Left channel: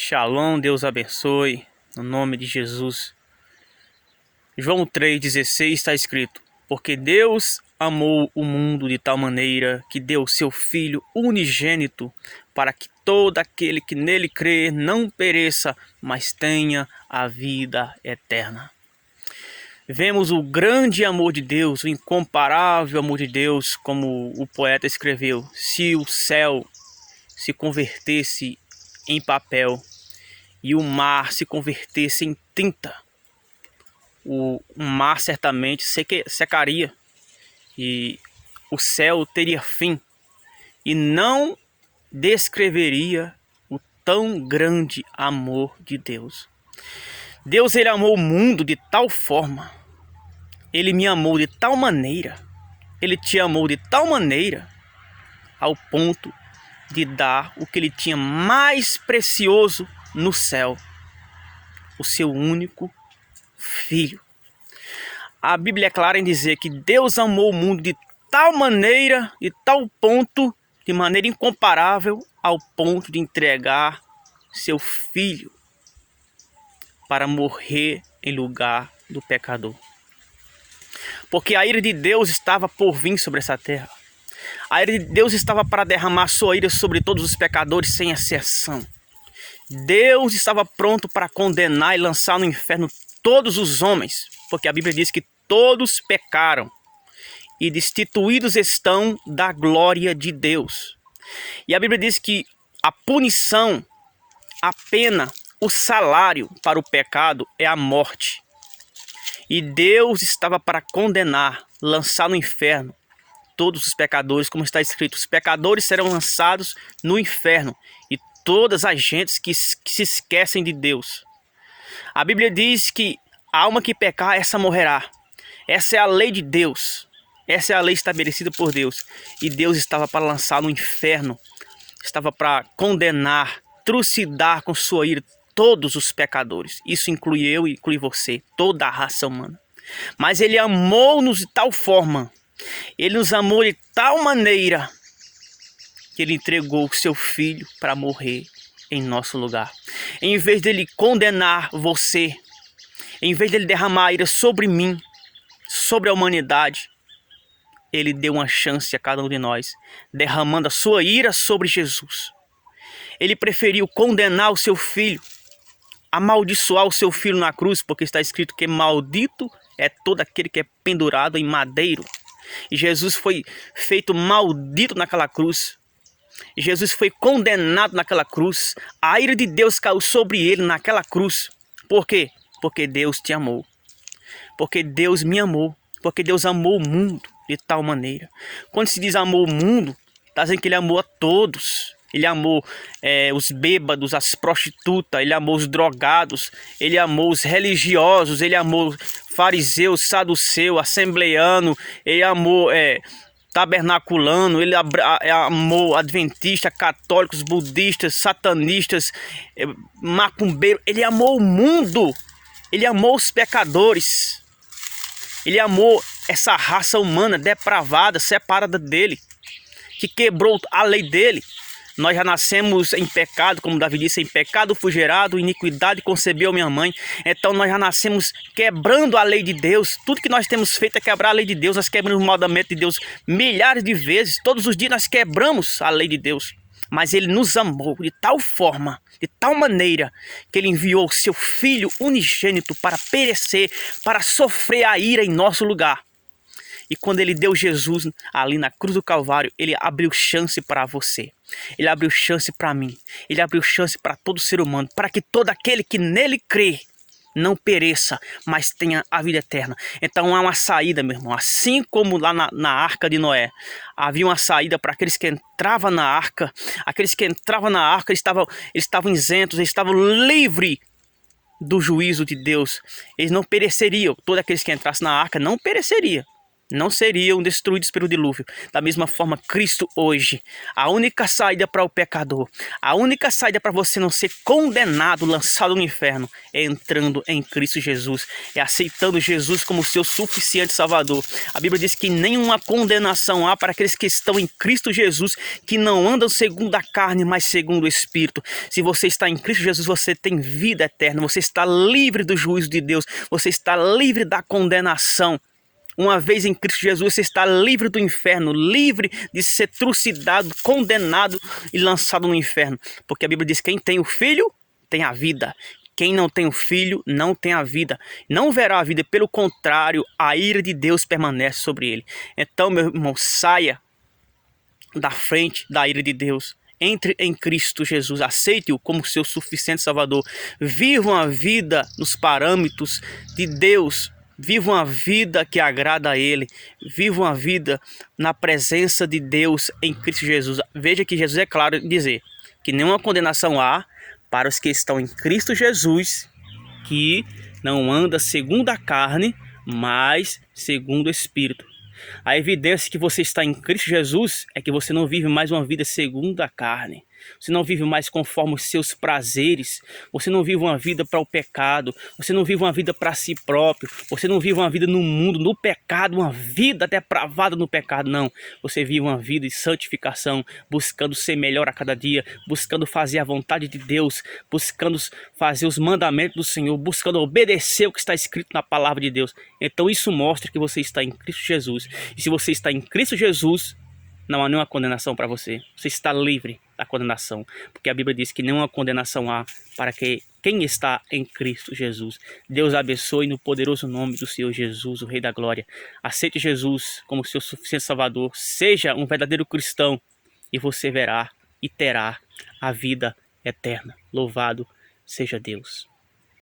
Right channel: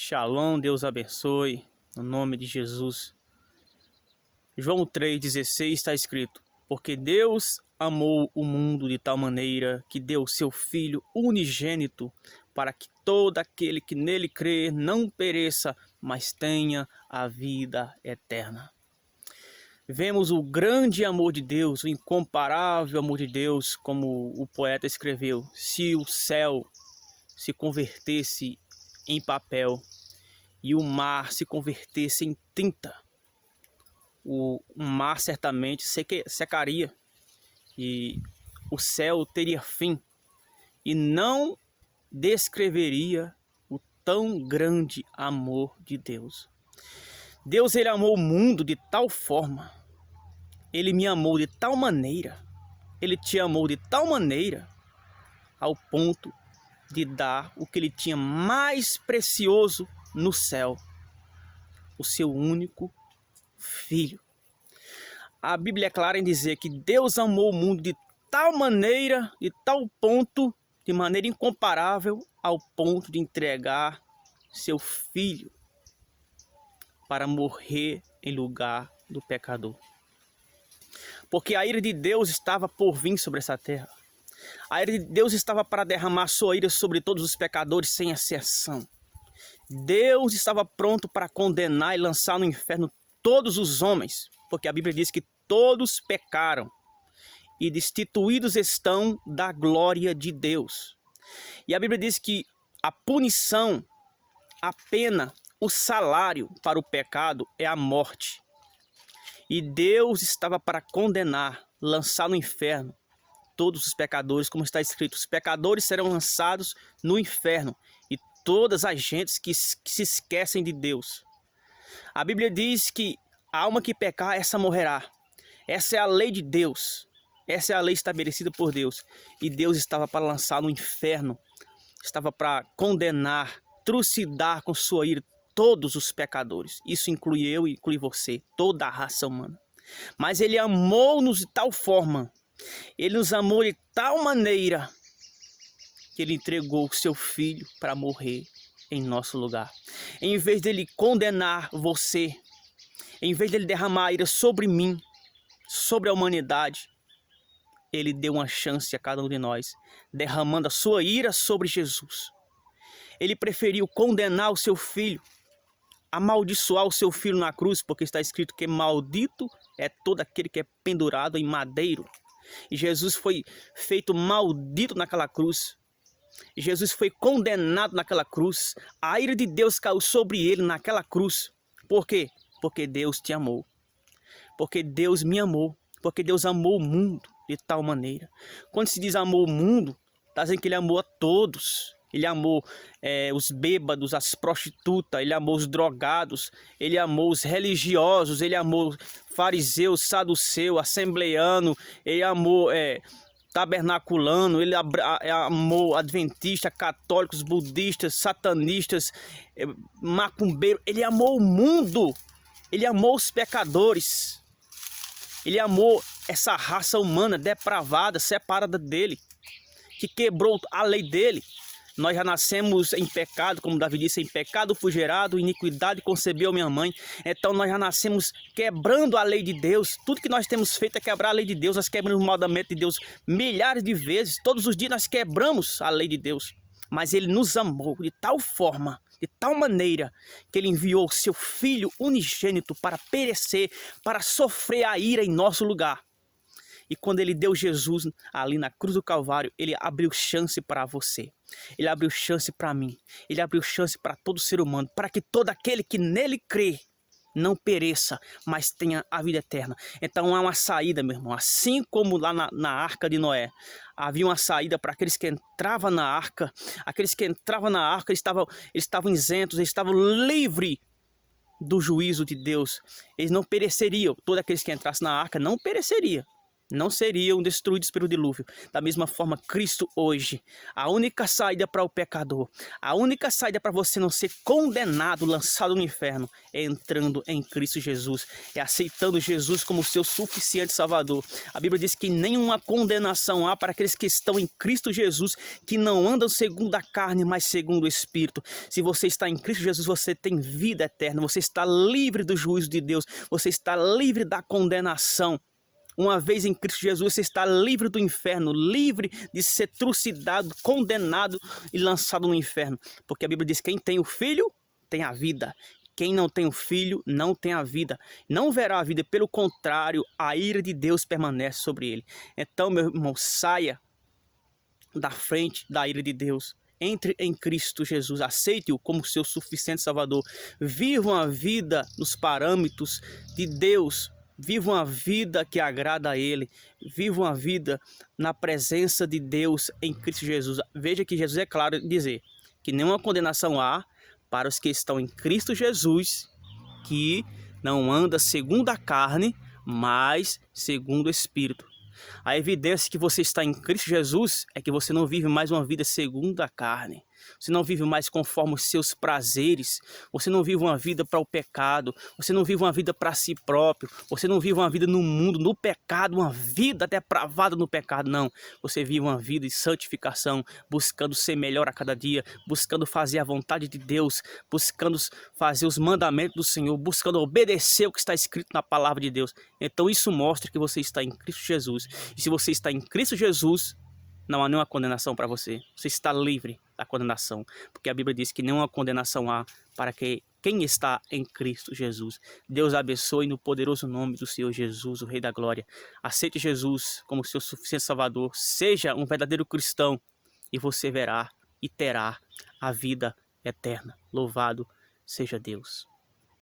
Shalom, Deus abençoe, no nome de Jesus. João 3,16 está escrito: porque Deus amou o mundo de tal maneira que deu seu Filho unigênito, para que todo aquele que nele crê não pereça, mas tenha a vida eterna. Vemos o grande amor de Deus, o incomparável amor de Deus, como o poeta escreveu: se o céu se convertesse em papel e o mar se convertesse em tinta, o mar certamente secaria e o céu teria fim, e não descreveria o tão grande amor de Deus. Deus, ele amou o mundo de tal forma, ele me amou de tal maneira, ele te amou de tal maneira, ao ponto de dar o que ele tinha mais precioso no céu, o seu único Filho. A Bíblia é clara em dizer que Deus amou o mundo de tal maneira, de tal ponto, de maneira incomparável, ao ponto de entregar seu Filho para morrer em lugar do pecador. Porque a ira de Deus estava por vir sobre essa terra. A ira de Deus estava para derramar sua ira sobre todos os pecadores, sem exceção. Deus estava pronto para condenar e lançar no inferno todos os homens, porque a Bíblia diz que todos pecaram e destituídos estão da glória de Deus. E a Bíblia diz que a punição, a pena, o salário para o pecado é a morte. E Deus estava para condenar, lançar no inferno todos os pecadores, como está escrito: os pecadores serão lançados no inferno, e todas as gentes que se esquecem de Deus. A Bíblia diz que a alma que pecar, essa morrerá. Essa é a lei de Deus. Essa é a lei estabelecida por Deus. E Deus estava para lançar no inferno, estava para condenar, trucidar com sua ira todos os pecadores. Isso inclui eu e inclui você, toda a raça humana. Mas Ele amou-nos de tal forma, Ele nos amou de tal maneira, que Ele entregou o seu Filho para morrer em nosso lugar. Em vez dele condenar você, em vez dele derramar a ira sobre mim, sobre a humanidade, ele deu uma chance a cada um de nós, derramando a sua ira sobre Jesus. Ele preferiu condenar o seu Filho, amaldiçoar o seu Filho na cruz, porque está escrito que maldito é todo aquele que é pendurado em madeiro. E Jesus foi feito maldito naquela cruz. Jesus foi condenado naquela cruz. A ira de Deus caiu sobre ele naquela cruz. Por quê? Porque Deus te amou. Porque Deus me amou. Porque Deus amou o mundo de tal maneira. Quando se diz amou o mundo, está dizendo que Ele amou a todos. Ele amou os bêbados, as prostitutas, Ele amou os drogados, Ele amou os religiosos, Ele amou fariseu, saduceu, assembleiano, Ele amou tabernaculano, Ele amou adventista, católicos, budistas, satanistas, macumbeiro. Ele amou o mundo, Ele amou os pecadores, Ele amou essa raça humana depravada, separada dEle, que quebrou a lei dEle. Nós já nascemos em pecado, como Davi disse: em pecado fui gerado, iniquidade concebeu minha mãe. Então nós já nascemos quebrando a lei de Deus. Tudo que nós temos feito é quebrar a lei de Deus. Nós quebramos o mandamento de Deus milhares de vezes. Todos os dias nós quebramos a lei de Deus. Mas Ele nos amou de tal forma, de tal maneira, que Ele enviou o seu Filho unigênito para perecer, para sofrer a ira em nosso lugar. E quando Ele deu Jesus ali na cruz do Calvário, Ele abriu chance para você. Ele abriu chance para mim. Ele abriu chance para todo ser humano, para que todo aquele que nele crê não pereça, mas tenha a vida eterna. Então há uma saída, meu irmão. Assim como lá na arca de Noé, havia uma saída para aqueles que entravam na arca. Aqueles que entravam na arca, eles estavam isentos, eles estavam livres do juízo de Deus. Eles não pereceriam. Todos aqueles que entrassem na arca não pereceriam. não seriam destruídos pelo dilúvio. Da mesma forma, Cristo hoje, a única saída para o pecador, a única saída para você não ser condenado, lançado no inferno, é entrando em Cristo Jesus, é aceitando Jesus como seu suficiente Salvador. A Bíblia diz que nenhuma condenação há para aqueles que estão em Cristo Jesus, que não andam segundo a carne, mas segundo o Espírito. Se você está em Cristo Jesus, você tem vida eterna, você está livre do juízo de Deus, você está livre da condenação. Uma vez em Cristo Jesus, você está livre do inferno, livre de ser trucidado, condenado e lançado no inferno. Porque a Bíblia diz que quem tem o Filho, tem a vida. Quem não tem o Filho, não tem a vida. Não verá a vida, pelo contrário, a ira de Deus permanece sobre ele. Então, meu irmão, saia da frente da ira de Deus. Entre em Cristo Jesus, aceite-o como seu suficiente Salvador. Viva uma vida nos parâmetros de Deus. Viva uma vida que agrada a Ele. Viva uma vida na presença de Deus em Cristo Jesus. Veja que Jesus é claro em dizer que nenhuma condenação há para os que estão em Cristo Jesus, que não anda segundo a carne, mas segundo o Espírito. A evidência que você está em Cristo Jesus é que você não vive mais uma vida segundo a carne. Você não vive mais conforme os seus prazeres. Você não vive uma vida para o pecado. Você não vive uma vida para si próprio. Você não vive uma vida no mundo, no pecado, uma vida depravada no pecado. Não. Você vive uma vida de santificação, buscando ser melhor a cada dia, buscando fazer a vontade de Deus, buscando fazer os mandamentos do Senhor, buscando obedecer o que está escrito na palavra de Deus. Então isso mostra que você está em Cristo Jesus. E se você está em Cristo Jesus, não há nenhuma condenação para você. Você está livre da condenação. Porque a Bíblia diz que nenhuma condenação há para quem está em Cristo Jesus. Deus abençoe no poderoso nome do Senhor Jesus, o Rei da Glória. Aceite Jesus como seu suficiente Salvador. Seja um verdadeiro cristão e você verá e terá a vida eterna. Louvado seja Deus.